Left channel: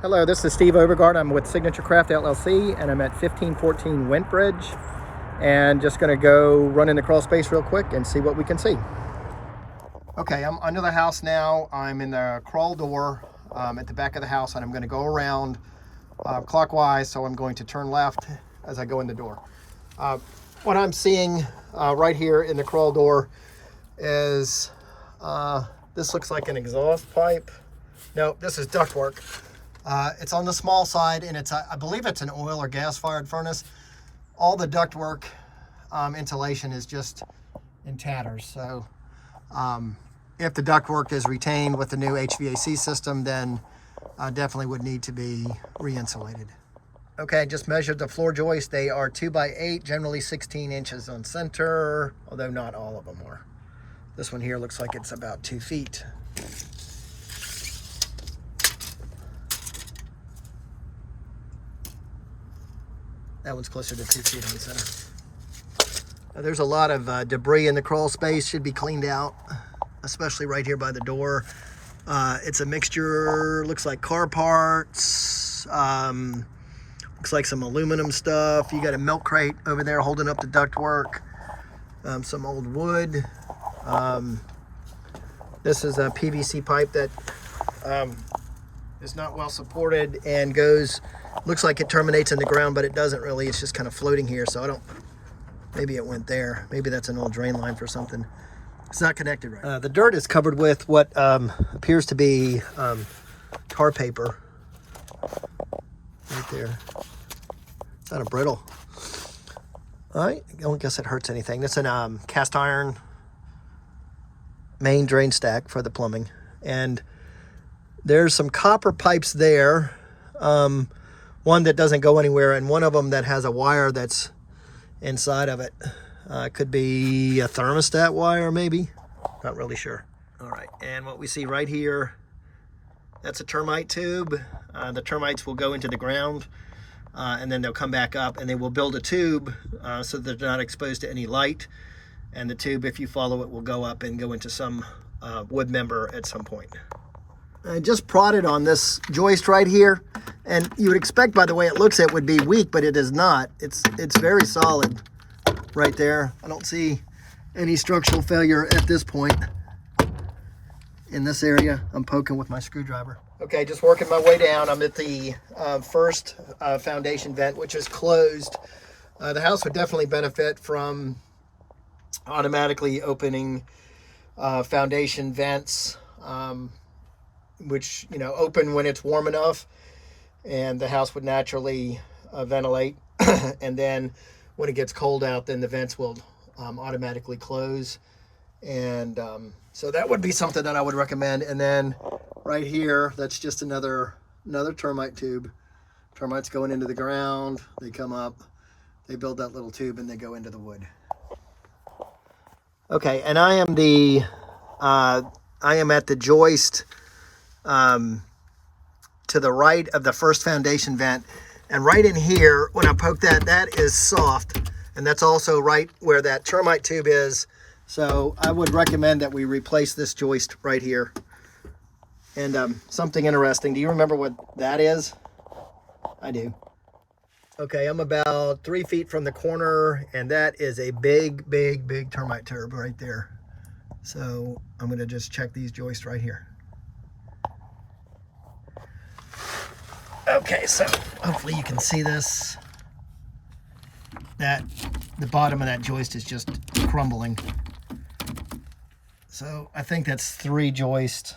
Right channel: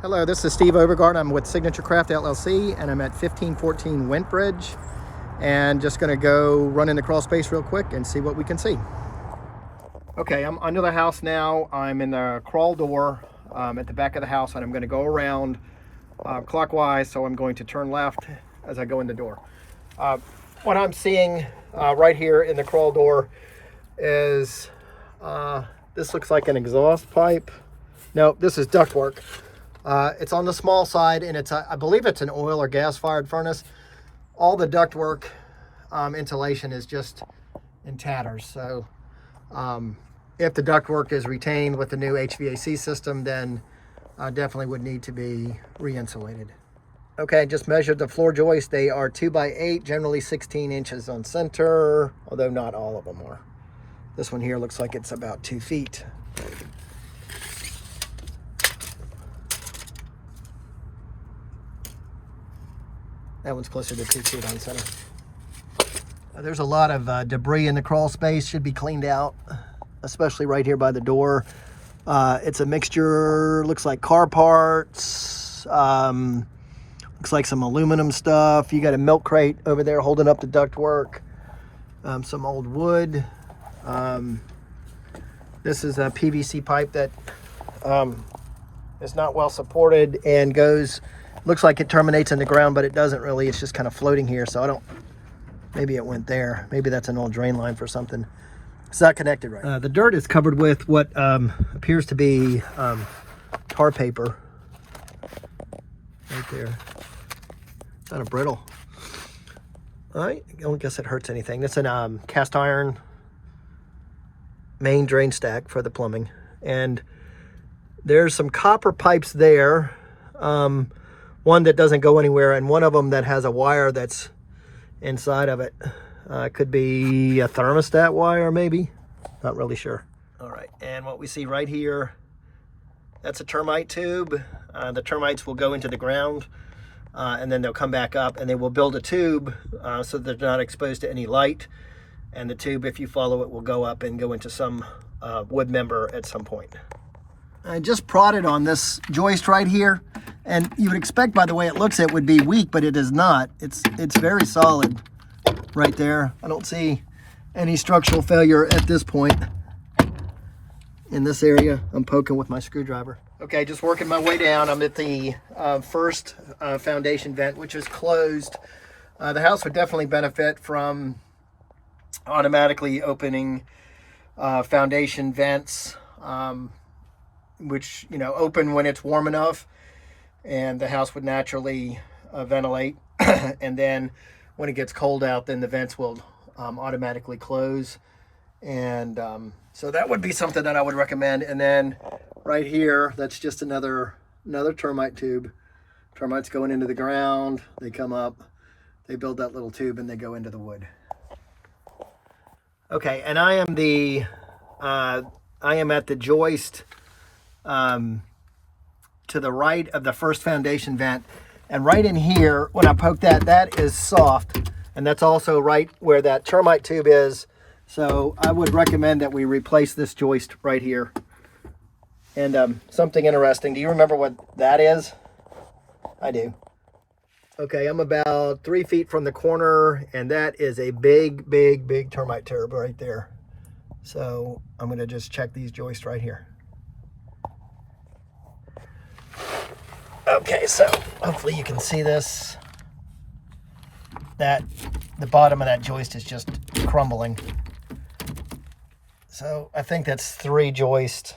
Hello, this is Steve Overgard. I'm with Signature Craft LLC, and I'm at 1514 Wentbridge, and just going to go run in the crawl space real quick and see what we can see. Okay, I'm under the house now. I'm in the crawl door at the back of the house, and I'm going to go around clockwise, so I'm going to turn left as I go in the door. What I'm seeing right here in the crawl door is this looks like an exhaust pipe. No, this is ductwork. It's on the small side, and it's I believe it's an oil or gas fired furnace. All the ductwork insulation is just in tatters. So if the ductwork is retained with the new HVAC system, then definitely would need to be re-insulated. Okay, just measured the floor joists. They are 2x8, generally 16 inches on center, although not all of them are. This one here looks like it's about 2 feet. That one's closer to 2 feet on center. There's a lot of debris in the crawl space, should be cleaned out, especially right here by the door. It's a mixture, looks like car parts, looks like some aluminum stuff. You got a milk crate over there holding up the ductwork, some old wood. This is a PVC pipe that is not well supported and goes, looks like it terminates in the ground, but it doesn't really. It's just kind of floating here, so I don't, maybe it went there. Maybe that's an old drain line for something. It's not connected right. The dirt is covered with what appears to be tar paper right there. It's kind of brittle. All right, I don't guess it hurts anything. That's an cast iron main drain stack for the plumbing. And there's some copper pipes there. One that doesn't go anywhere, and one of them that has a wire that's inside of it. Could be a thermostat wire, maybe. Not really sure. All right, and what we see right here, that's a termite tube. The termites will go into the ground, and then they'll come back up, and they will build a tube so they're not exposed to any light. And the tube, if you follow it, will go up and go into some wood member at some point. I just prodded on this joist right here, and you would expect by the way it looks it would be weak, but it is not. It's very solid right there. I don't see any structural failure at this point in this area. I'm poking with my screwdriver. Okay, just working my way down. I'm at the first foundation vent, which is closed. The house would definitely benefit from automatically opening foundation vents, which, you know, open when it's warm enough, and the house would naturally ventilate. And then when it gets cold out, then the vents will automatically close. And so that would be something that I would recommend. And then right here, that's just another termite tube. Termites going into the ground, they come up, they build that little tube, and they go into the wood. Okay, and I am at the joist to the right of the first foundation vent, and right in here, when I poke that is soft, and that's also right where that termite tube is. So I would recommend that we replace this joist right here. And something interesting, do you remember what that is? I do. Okay, I'm about 3 feet from the corner, and that is a big termite tube right there. So I'm gonna just check these joists right here. Okay, so hopefully you can see this. That the bottom of that joist is just crumbling. So I think that's 3 joists,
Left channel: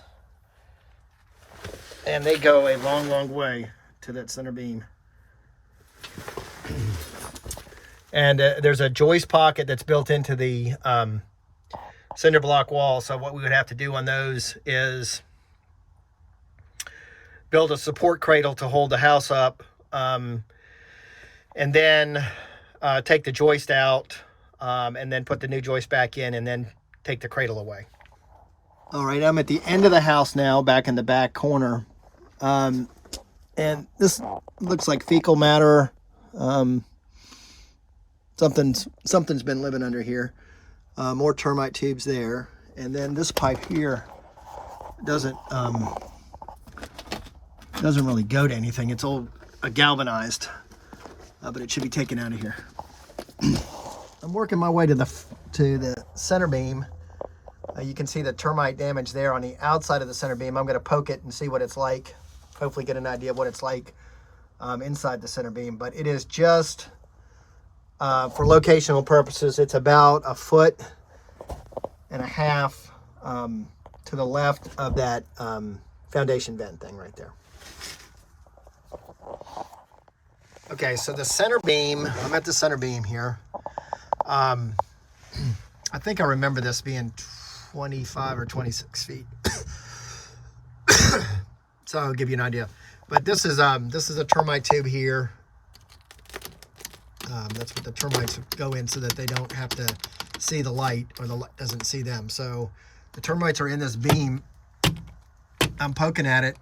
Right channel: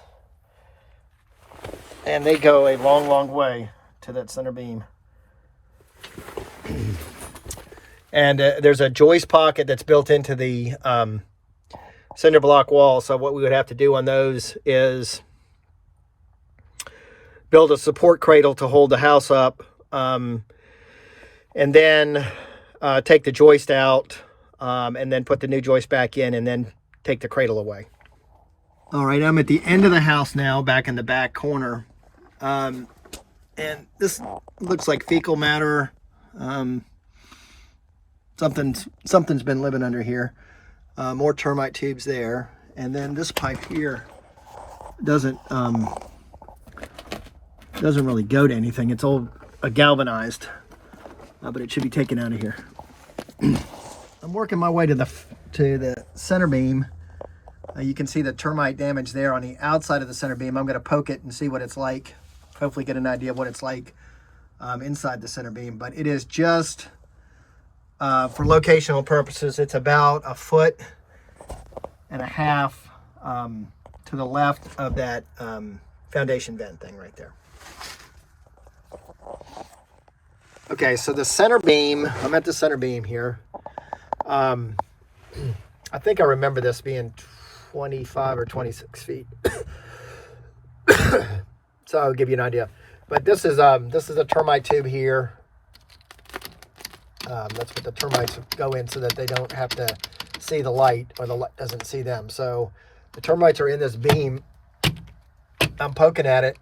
and they go a long way to that center beam. And there's a joist pocket that's built into the cinder block wall. So what we would have to do on those is build a support cradle to hold the house up, and then take the joist out, and then put the new joist back in, and then take the cradle away. All right, I'm at the end of the house now, back in the back corner. And this looks like fecal matter. Something's been living under here. More termite tubes there. And then this pipe here doesn't doesn't really go to anything. It's all galvanized, but it should be taken out of here. I'm working my way to the center beam. You can see the termite damage there on the outside of the center beam. I'm going to poke it and see what it's like. Hopefully get an idea of what it's like inside the center beam. But it is just, for locational purposes, it's about 1.5 foot to the left of that foundation vent thing right there. Okay, so the center beam, I'm at the center beam here. I think I remember this being 25 or 26 feet. So I'll give you an idea. But this is a termite tube here. That's what the termites go in so that they don't have to see the light, or the light doesn't see them. So the termites are in this beam. I'm poking at it.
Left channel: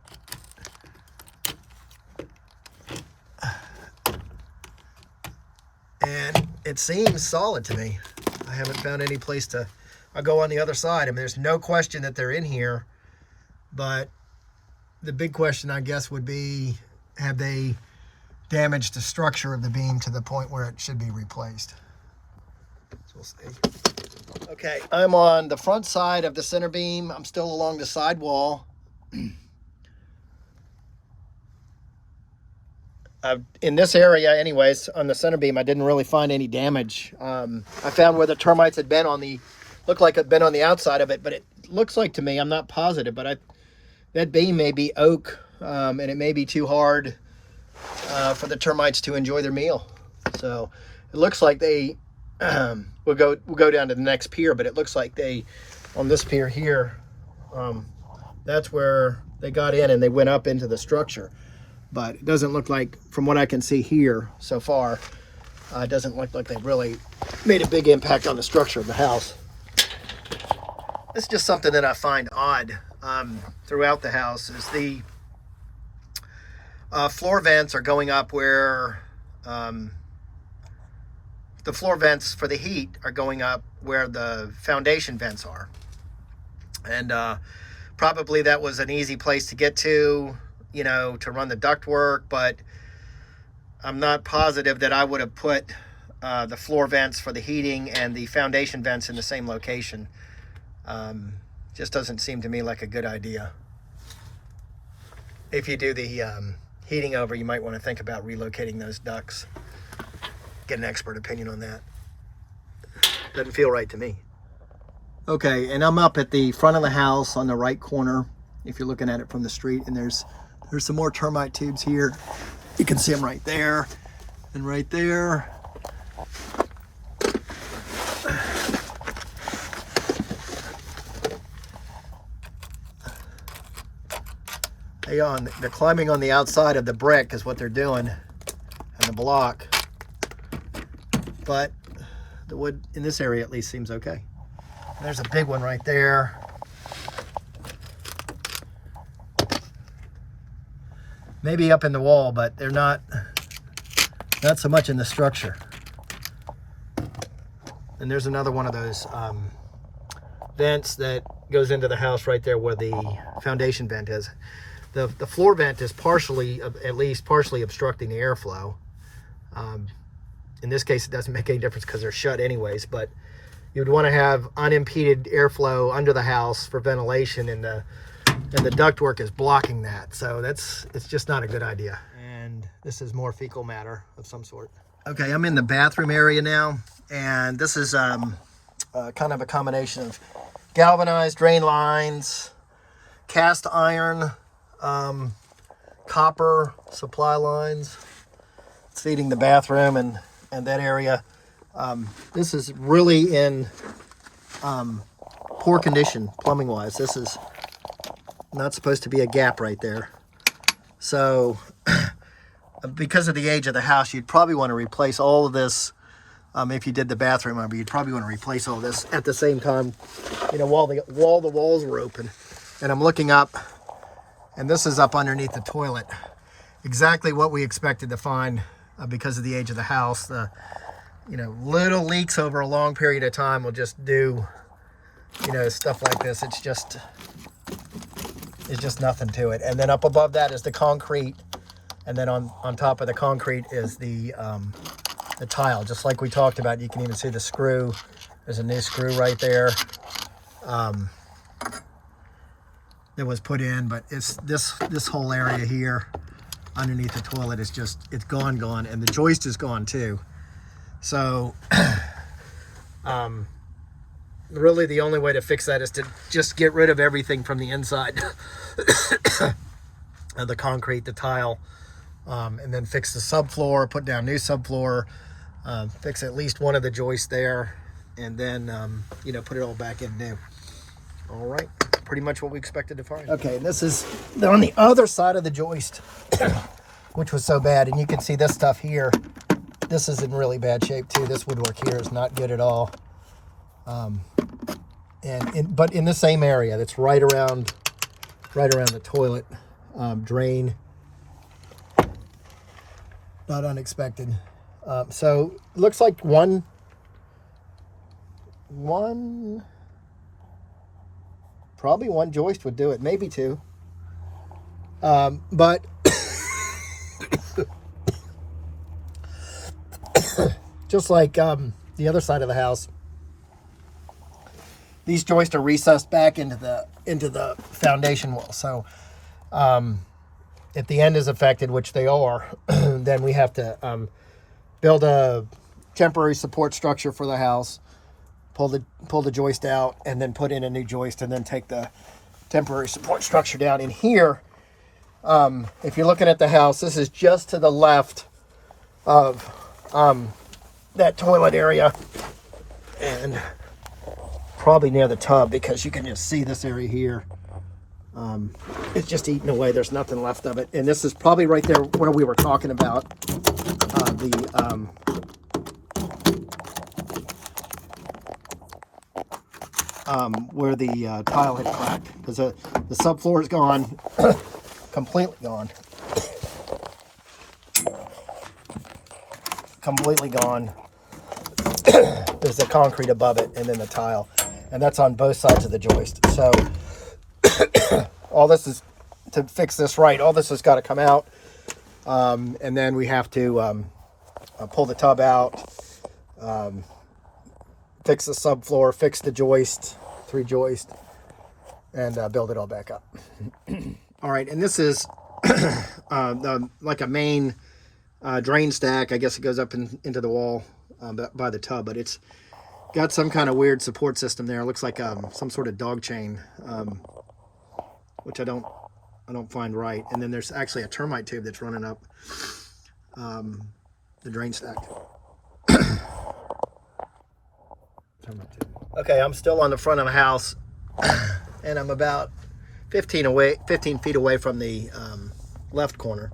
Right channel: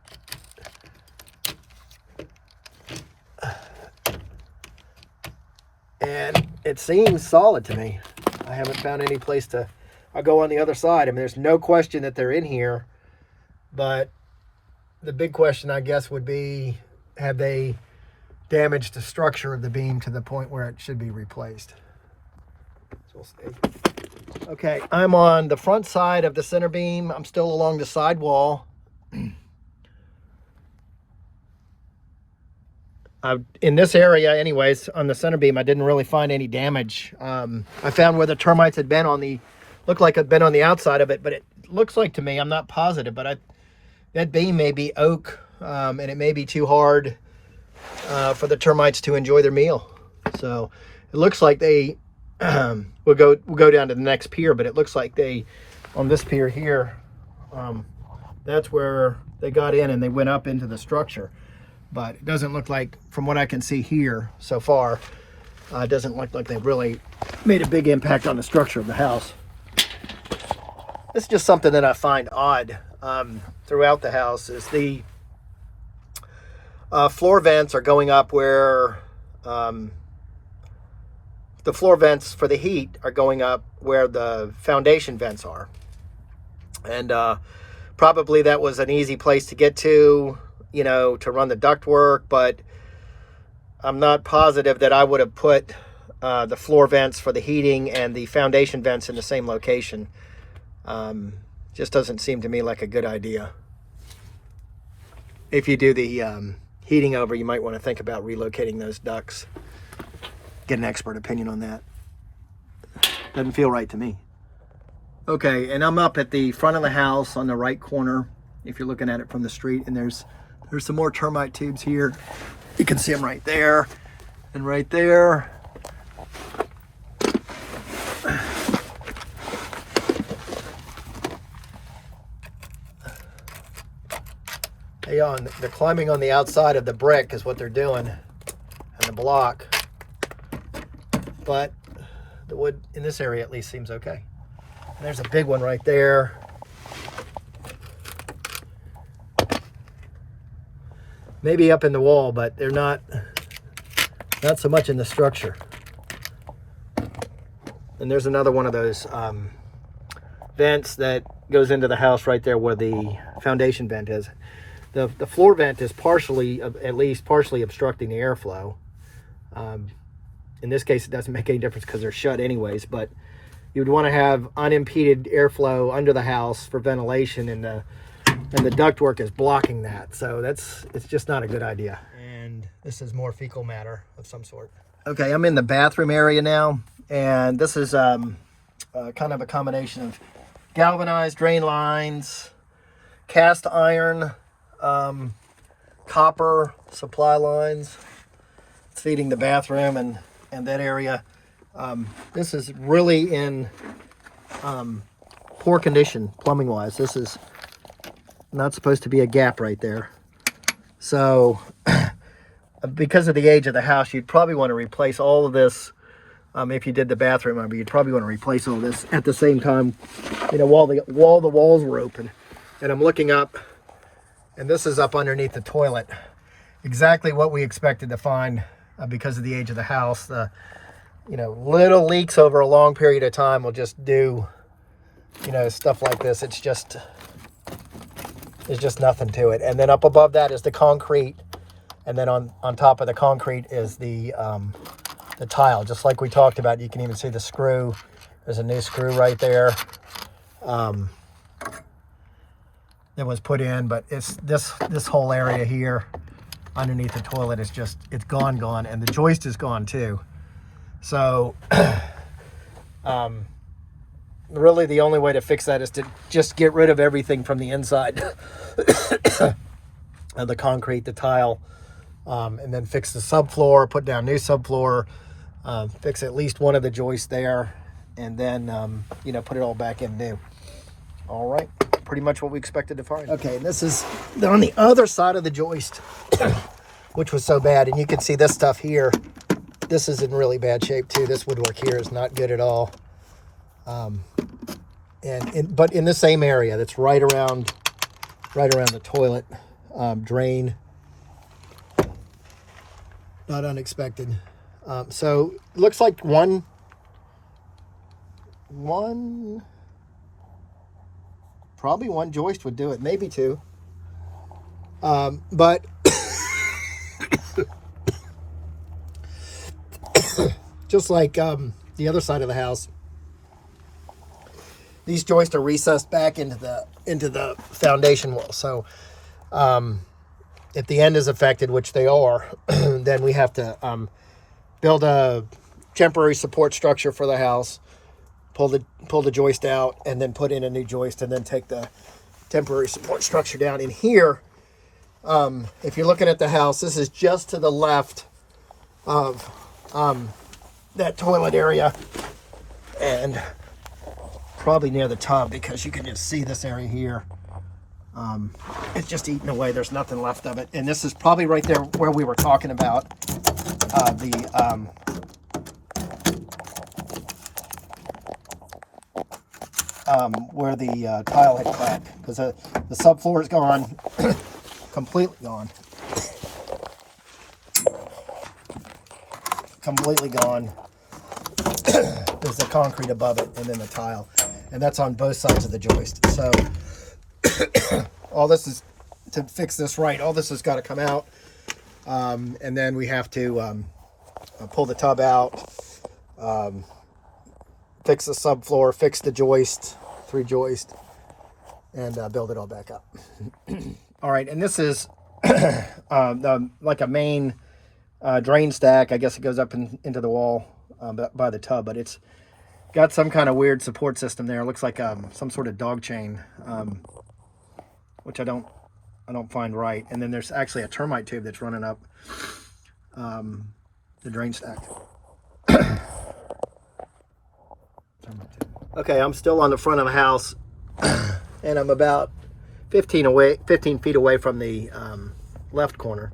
And it seems solid to me. I haven't found any place to... I'll go on the other side. I mean, there's no question that they're in here. But the big question, I guess, would be, have they damaged the structure of the beam to the point where it should be replaced? So we'll see. Okay, I'm on the front side of the center beam. I'm still along the side wall. In this area, anyways, on the center beam, I didn't really find any damage. I found where the termites had been on the, looked like it'd been on the outside of it, but it looks like to me, I'm not positive, but that beam may be oak, and it may be too hard for the termites to enjoy their meal. So it looks like they we'll go down to the next pier, but it looks like they, on this pier here, that's where they got in and they went up into the structure. But it doesn't look like, from what I can see here so far, it doesn't look like they've really made a big impact on the structure of the house. This is just something that I find odd throughout the house, is the floor vents are going up where the floor vents for the heat are going up where the foundation vents are. And probably that was an easy place to get to, you know, to run the ductwork, but I'm not positive that I would have put the floor vents for the heating and the foundation vents in the same location. Just doesn't seem to me like a good idea. If you do the heating over, you might want to think about relocating those ducts. Get an expert opinion on that. Doesn't feel right to me. Okay, and I'm up at the front of the house on the right corner, if you're looking at it from the street, and there's some more termite tubes here. You can see them right there and right there. They're climbing on the outside of the brick is what they're doing, and the block. But the wood in this area at least seems okay. And there's a big one right there. Maybe up in the wall, but they're not so much in the structure. And there's another one of those vents that goes into the house right there where the foundation vent is. The floor vent is partially, at least partially, obstructing the airflow. In this case, it doesn't make any difference because they're shut anyways, but you would want to have unimpeded airflow under the house for ventilation, and the ductwork is blocking that. So it's just not a good idea. And this is more fecal matter of some sort. Okay, I'm in the bathroom area now, and this is kind of a combination of galvanized drain lines, cast iron, copper supply lines. It's feeding the bathroom and that area. This is really in poor condition plumbing wise. This is not supposed to be a gap right there. So because of the age of the house, you'd probably want to replace all of this. If you did the bathroom, you'd probably want to replace all this at the same time, you know, while the walls were open. And I'm looking up, and this is up underneath the toilet. Exactly what we expected to find because of the age of the house. Little leaks over a long period of time will just do, stuff like this. It's just is just nothing to it. And then up above that is the concrete. And then on top of the concrete is the tile, just like we talked about. You can even see the screw. There's a new screw right there that was put in, but it's this whole area here underneath the toilet is just, it's gone, and the joist is gone too. So really the only way to fix that is to just get rid of everything from the inside of the concrete, the tile, and then fix the subfloor, put down new subfloor, fix at least one of the joists there, and then you know, put it all back in new. All right, pretty much what we expected to find. Okay, this is on the other side of the joist, which was so bad, and you can see this stuff here. This is in really bad shape too. This woodwork here is not good at all. But in the same area, that's right around the toilet drain. Not unexpected. So looks like one, probably one joist would do it, maybe two. But just like the other side of the house, these joists are recessed back into the foundation wall. So if the end is affected, which they are, then we have to build a temporary support structure for the house, pull the joist out, and then put in a new joist, and then take the temporary support structure down. In here, if you're looking at the house, this is just to the left of that toilet area, and probably near the tub, because you can just see this area here. It's just eaten away. There's nothing left of it. And this is probably right there where we were talking about where the tile had cracked, because the subfloor is gone, completely gone. Completely gone. There's the concrete above it, and then the tile, and that's on both sides of the joist. So all this is, to fix this right, all this has got to come out, and then we have to pull the tub out, fix the subfloor, fix the joist, 3 joist, and build it all back up. All right, and this is like a main drain stack. I guess it goes up into the wall by the tub, but it's got some kind of weird support system there. It looks like some sort of dog chain, which I don't find right. And then there's actually a termite tube that's running up the drain stack. Okay, I'm still on the front of the house, and I'm about 15 feet away from the left corner,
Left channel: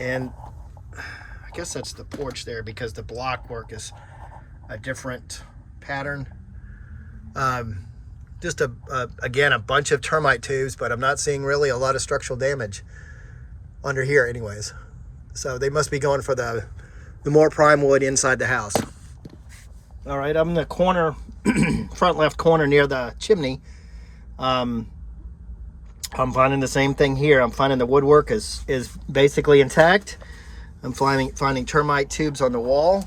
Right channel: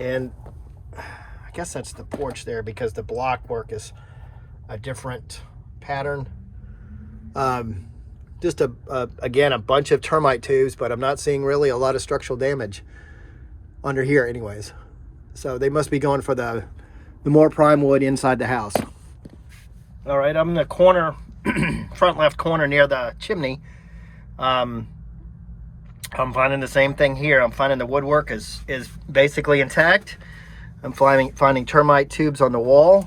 and I guess that's the porch there, because the block work is a different pattern. Just again, a bunch of termite tubes, but I'm not seeing really a lot of structural damage under here anyways. So they must be going for the more prime wood inside the house. All right, I'm in the corner, front left corner near the chimney. I'm finding the same thing here. I'm finding the woodwork is basically intact. I'm finding termite tubes on the wall.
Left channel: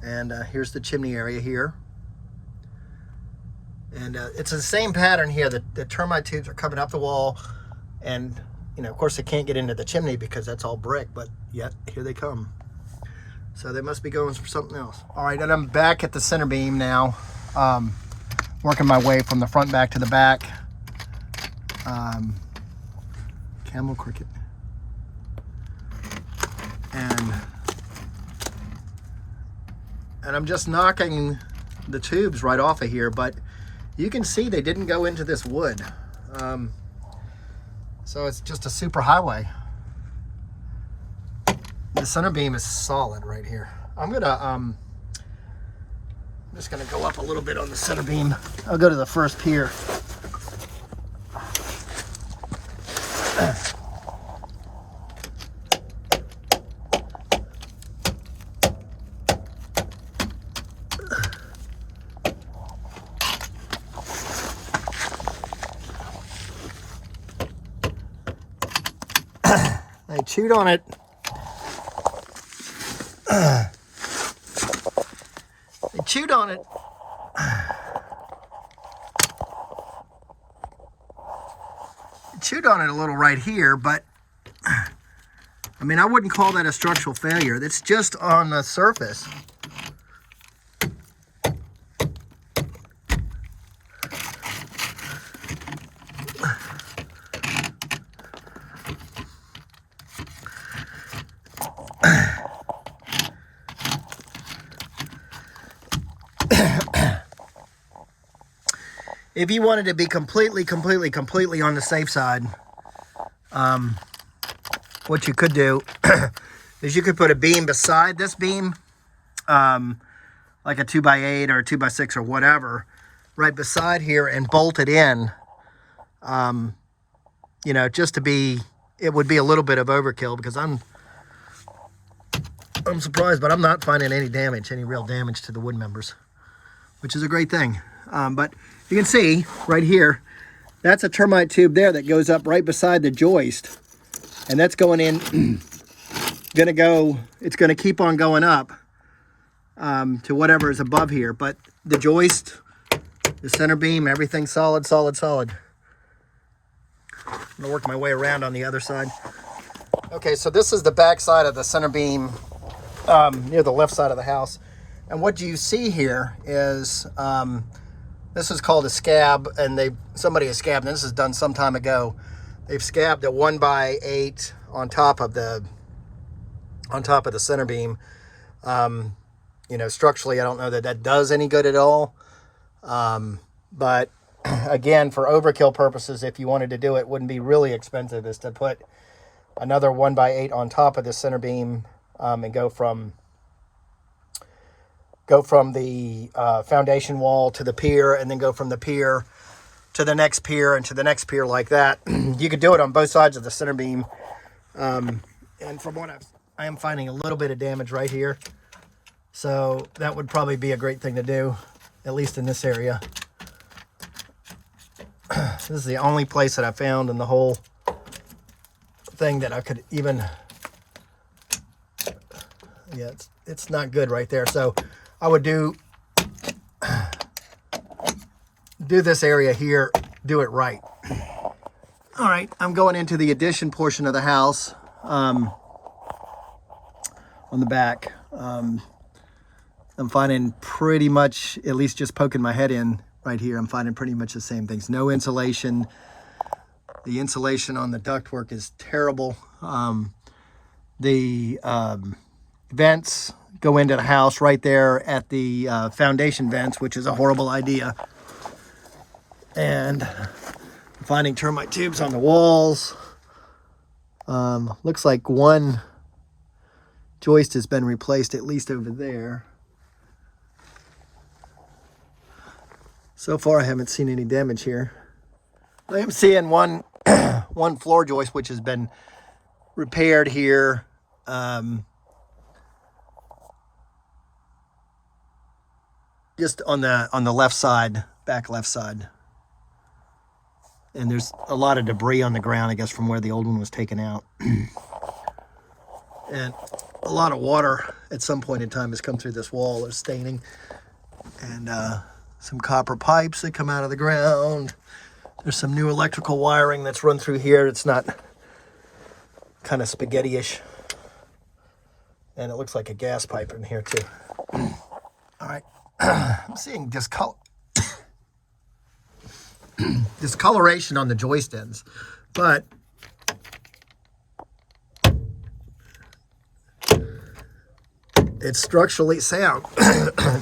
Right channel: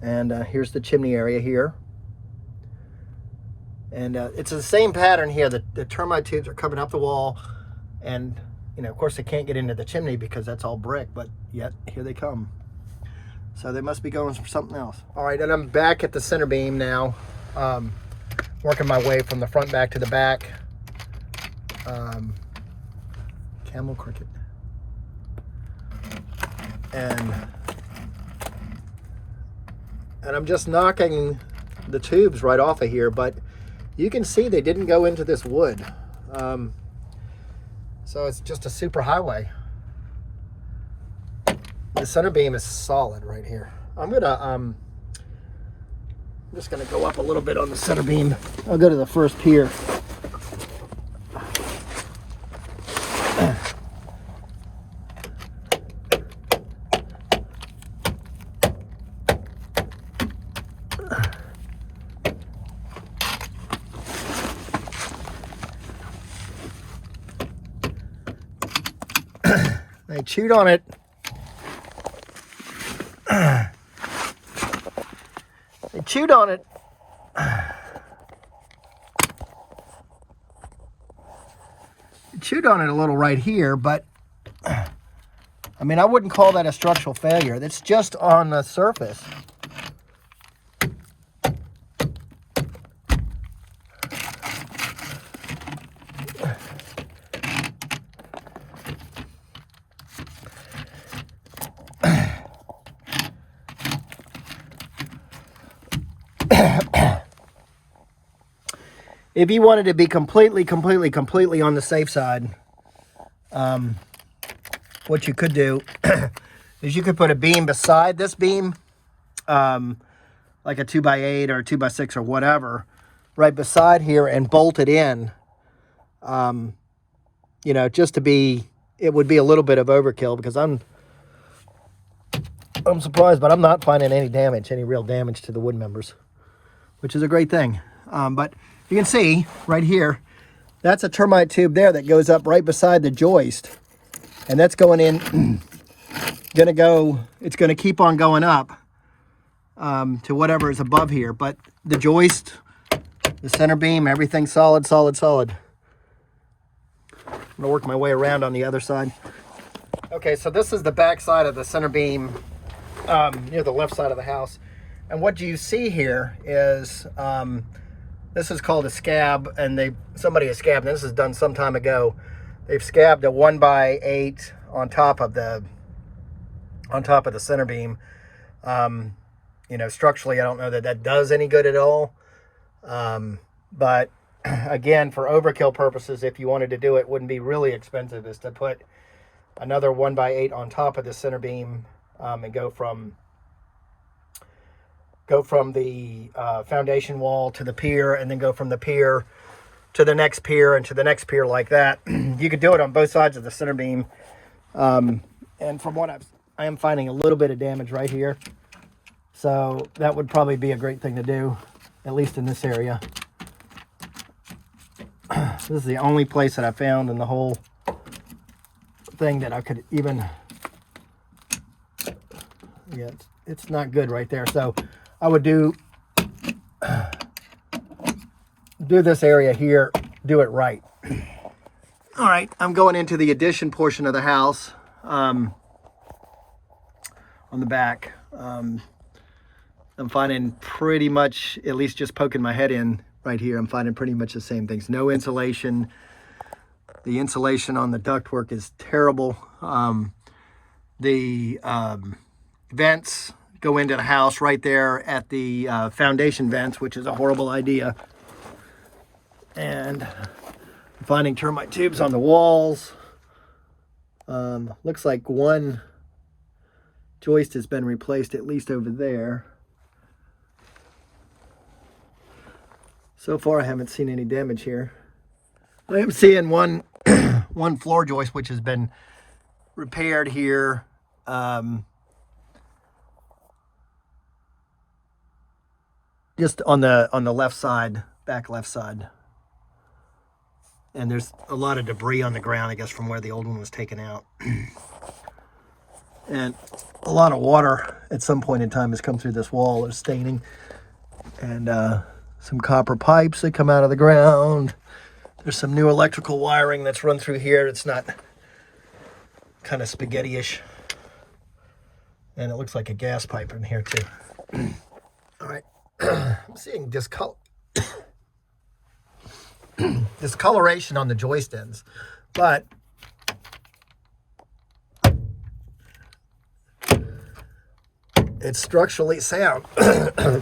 And here's the chimney area here. And it's the same pattern here. The termite tubes are coming up the wall, and you know, of course, they can't get into the chimney because that's all brick, but yet here they come. So they must be going for something else. All right, and I'm back at the center beam now, working my way from the front back to the back. Camel cricket. And I'm just knocking the tubes right off of here, but you can see they didn't go into this wood. So it's just a super highway. The center beam is solid right here. I'm just gonna go up a little bit on the center beam. I'll go to the first pier. I chewed on it. I chewed on it. Chewed on it a little right here, but I mean, I wouldn't call that a structural failure. That's just on the surface. If you wanted to be completely on the safe side, what you could do is you could put a beam beside this beam, like a 2x8 or a 2x6 or whatever, right beside here and bolt it in. You know, just to be, it would be a little bit of overkill because I'm surprised, but I'm not finding any damage, any real damage to the wood members, which is a great thing. But you can see right here, that's a termite tube there that goes up right beside the joist. And that's going in, it's gonna keep on going up to whatever is above here. But the joist, the center beam, everything's solid. I'm gonna work my way around on the other side. Okay, so this is the back side of the center beam near the left side of the house. And what you see here is, this is called a scab, and somebody has scabbed, and this is done some time ago. They've scabbed a 1x8 on top of the center beam. You know, structurally, I don't know that that does any good at all. But again, for overkill purposes, if you wanted to do it, wouldn't be really expensive, is to put another 1x8 on top of the center beam and go from the foundation wall to the pier, and then go from the pier to the next pier and to the next pier like that. You could do it on both sides of the center beam. And from what I am finding a little bit of damage right here. So that would probably be a great thing to do, at least in this area. This is the only place that I found in the whole thing that I could even, yeah, it's not good right there. So I would do this area here, do it right. All right, I'm going into the addition portion of the house on the back. I'm finding pretty much, at least just poking my head in right here, I'm finding pretty much the same things. No insulation. The insulation on the ductwork is terrible. The vents go into the house right there at the foundation vents, which is a horrible idea. And I'm finding termite tubes on the walls. Looks like one joist has been replaced, at least over there. So far, I haven't seen any damage here. I am seeing one floor joist which has been repaired here. Just on the left side, back left side. And there's a lot of debris on the ground, I guess, from where the old one was taken out. And a lot of water at some point in time has come through this wall. It's staining. And some copper pipes that come out of the ground. There's some new electrical wiring that's run through here. It's not kind of spaghetti-ish. And it looks like a gas pipe in here too. All right. I'm seeing discoloration on the joist ends, but it's structurally sound.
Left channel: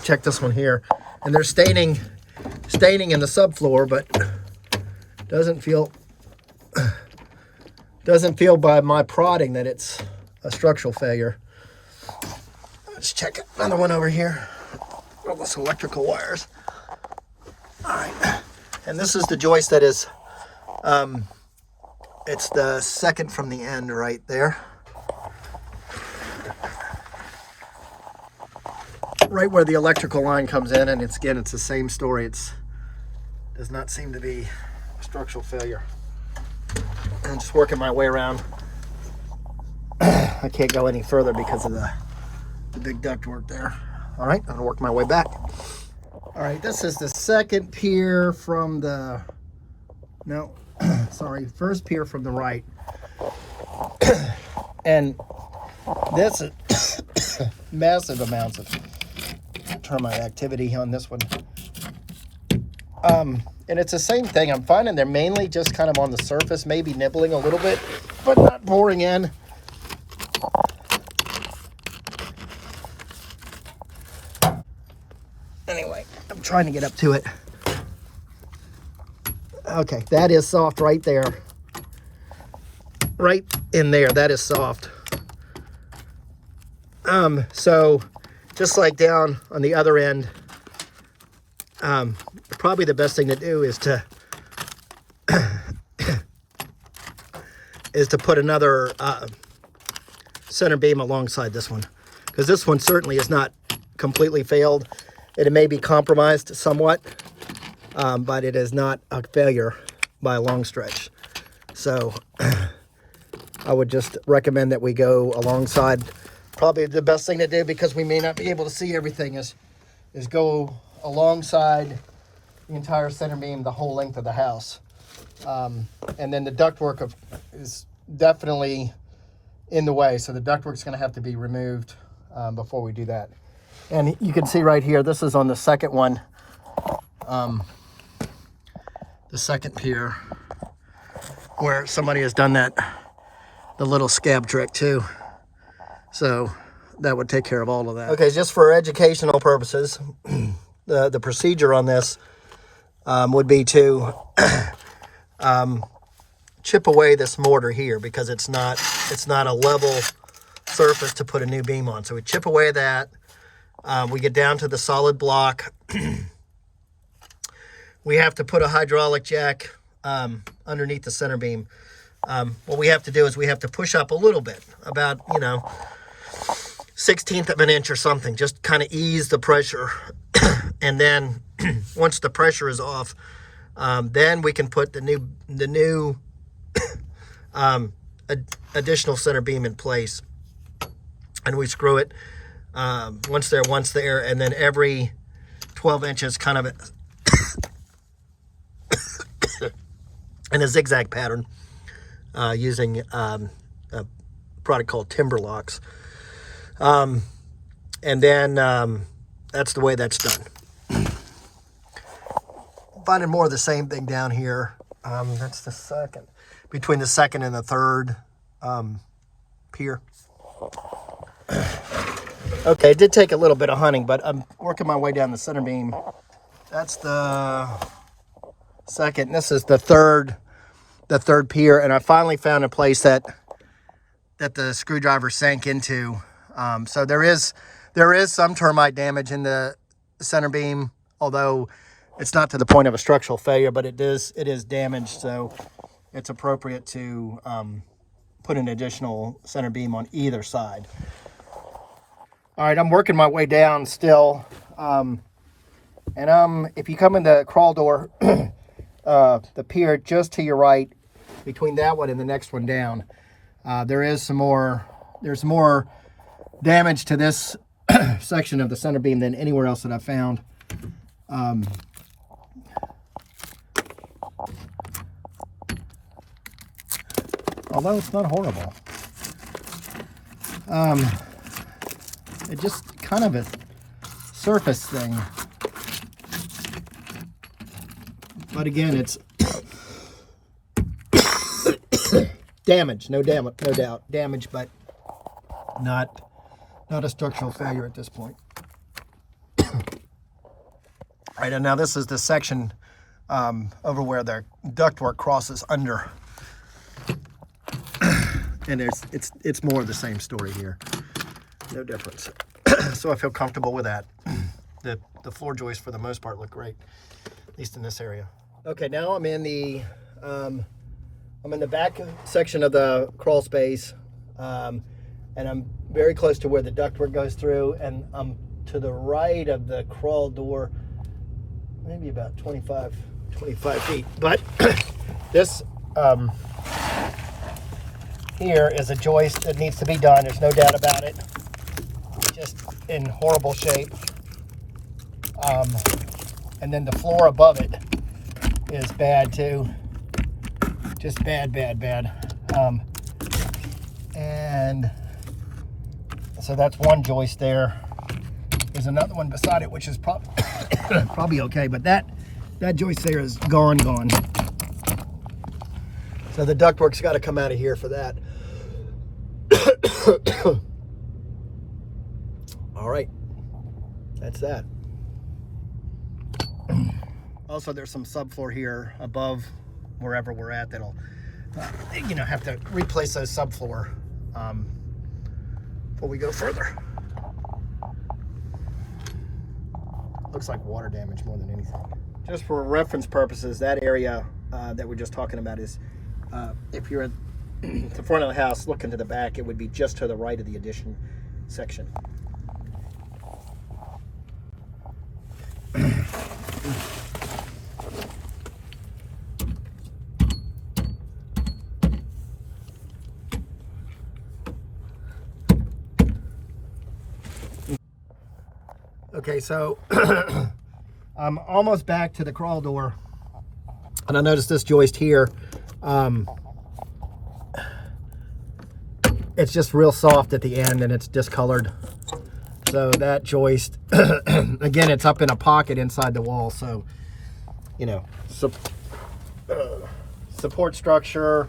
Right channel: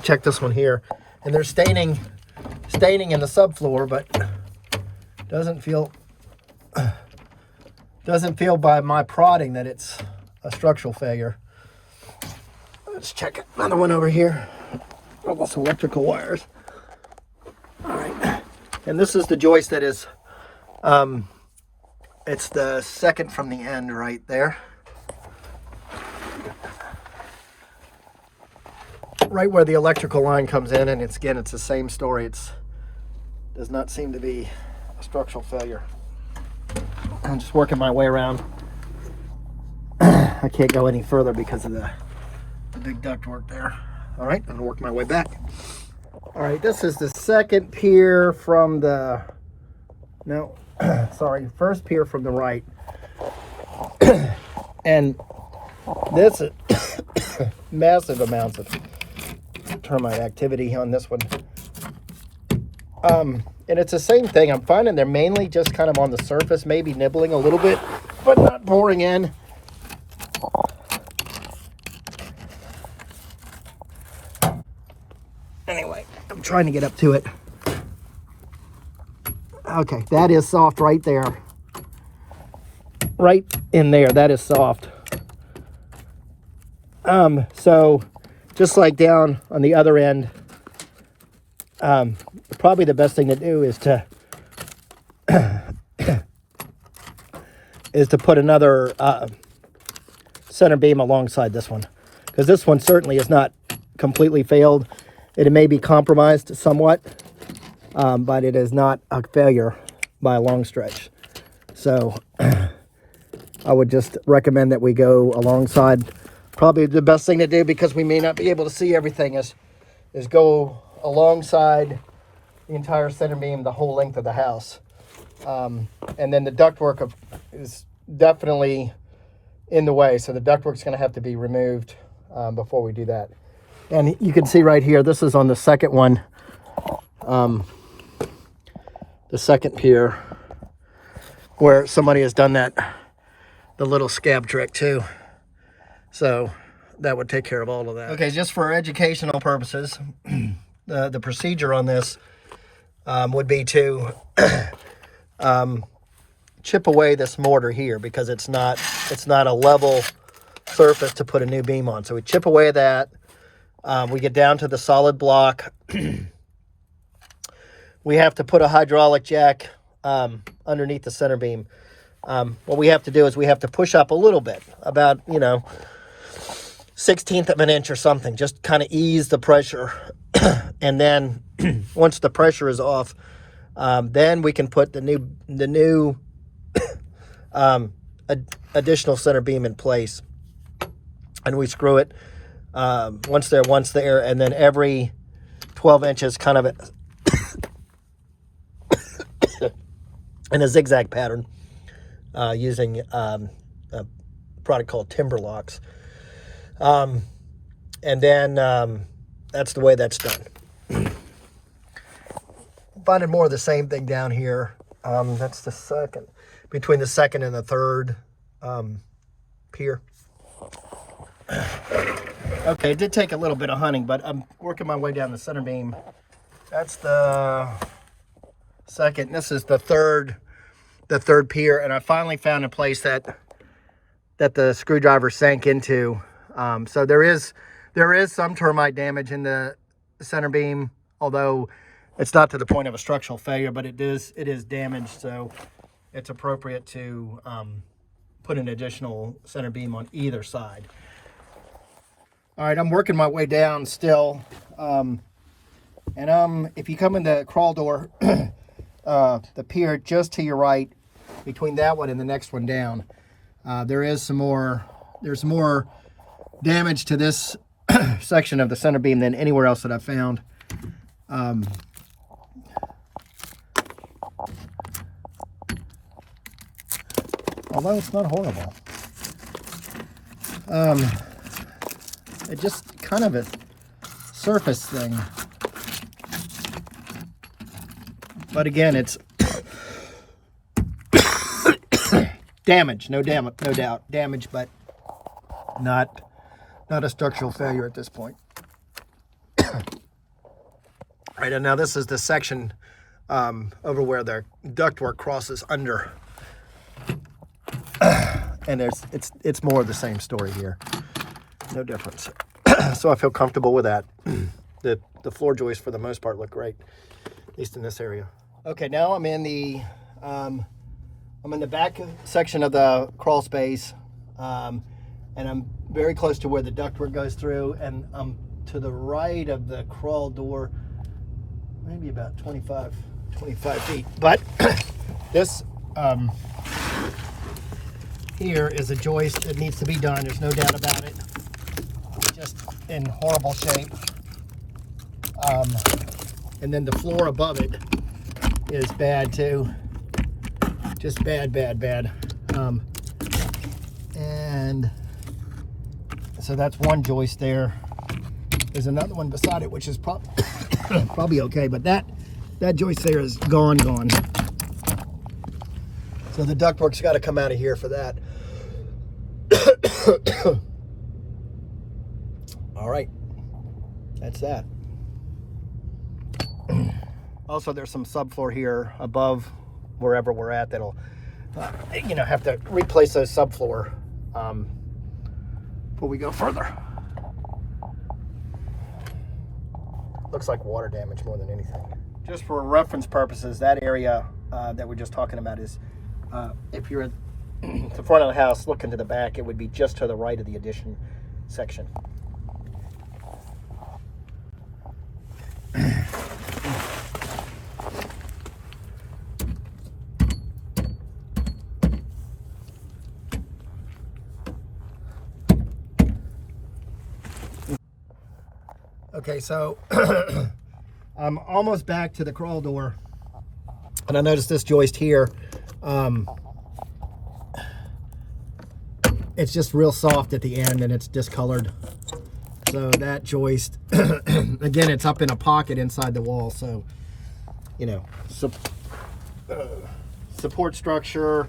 Check this one here, and there's staining in the subfloor, but doesn't feel by my prodding that it's a structural failure. Let's check another one over here. This electrical wires. All right, and this is the joist that is, it's the second from the end right there. Right where the electrical line comes in, and it's the same story. Does not seem to be a structural failure. I'm just working my way around I can't go any further because of the big ductwork there. All right, I'm gonna work my way back. All right, this is the second pier from the, no, sorry, first pier from the right. And this is massive amounts of termite activity on this one. And it's the same thing. I'm finding they're mainly just kind of on the surface, maybe nibbling a little bit, but not boring in. Anyway, I'm trying to get up to it. Okay, that is soft right there. Right in there, that is soft. So just like down on the other end, probably the best thing to do is to put another center beam alongside this one, because this one certainly is not completely failed. It may be compromised somewhat, but it is not a failure by a long stretch. So I would just recommend that we go alongside. Probably the best thing to do, because we may not be able to see everything, is go alongside the entire center beam the whole length of the house. And then the ductwork is definitely in the way, so the ductwork is going to have to be removed before we do that. And you can see right here, this is on the second one, the second pier, where somebody has done the little scab trick too. So that would take care of all of that. Okay, just for educational purposes, the procedure on this would be to chip away this mortar here, because it's not a level surface to put a new beam on. So we chip away that. We get down to the solid block. We have to put a hydraulic jack underneath the center beam. What we have to do is we have to push up a little bit, about, 1/16 of an inch or something, just kind of ease the pressure. And then once the pressure is off, then we can put the new additional center beam in place, and we screw it once there, and then every 12 inches kind of in a zigzag pattern, using a product called Timber Locks. And then that's the way that's done. Finding more of the same thing down here. That's the second, between the second and the third pier. Okay, it did take a little bit of hunting, but I'm working my way down the center beam. That's the second. This is the third pier, and I finally found a place that the screwdriver sank into. So there is some termite damage in the center beam, although it's not to the point of a structural failure, but it is damaged. So it's appropriate to put an additional center beam on either side. All right, I'm working my way down still. And if you come in the crawl door, the pier just to your right, between that one and the next one down, there's more damage to this section of the center beam than anywhere else that I've found. Although it's not horrible. It's just kind of a surface thing. But again, it's damage, no doubt. Damage, but not a structural failure at this point. All right, and now this is the section over where the ductwork crosses under. And it's more of the same story here. No difference. So I feel comfortable with that. The floor joists for the most part look great, at least in this area. Okay, now I'm in the back section of the crawl space, and I'm very close to where the ductwork goes through, and I'm to the right of the crawl door, maybe about 25 feet. But this here is a joist that needs to be done. There's no doubt about it. Just in horrible shape. And then the floor above it is bad too. Just bad. And so that's one joist there. There's another one beside it, which is probably okay, but that joist there is gone. So the ductwork's got to come out of here for that. All right, that's that. Also, there's some subfloor here above wherever we're at that'll, have to replace those subfloor before we go further. Looks like water damage more than anything. Just for reference purposes, that area that we're just talking about is, if you're at the front of the house looking to the back, it would be just to the right of the addition section. Okay, so I'm almost back to the crawl door, and I noticed this joist here. It's just real soft at the end, and it's discolored. So that joist, again, it's up in a pocket inside the wall. So, support structure,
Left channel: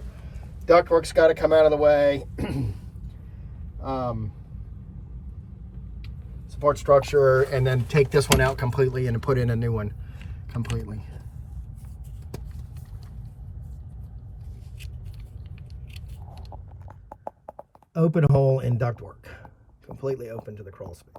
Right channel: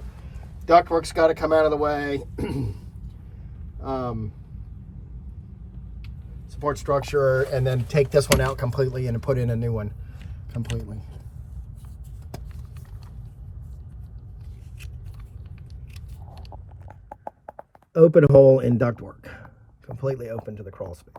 ductwork's got to come out of the way. Support structure, and then take this one out completely and put in a new one completely. Open hole in ductwork, completely open to the crawl space.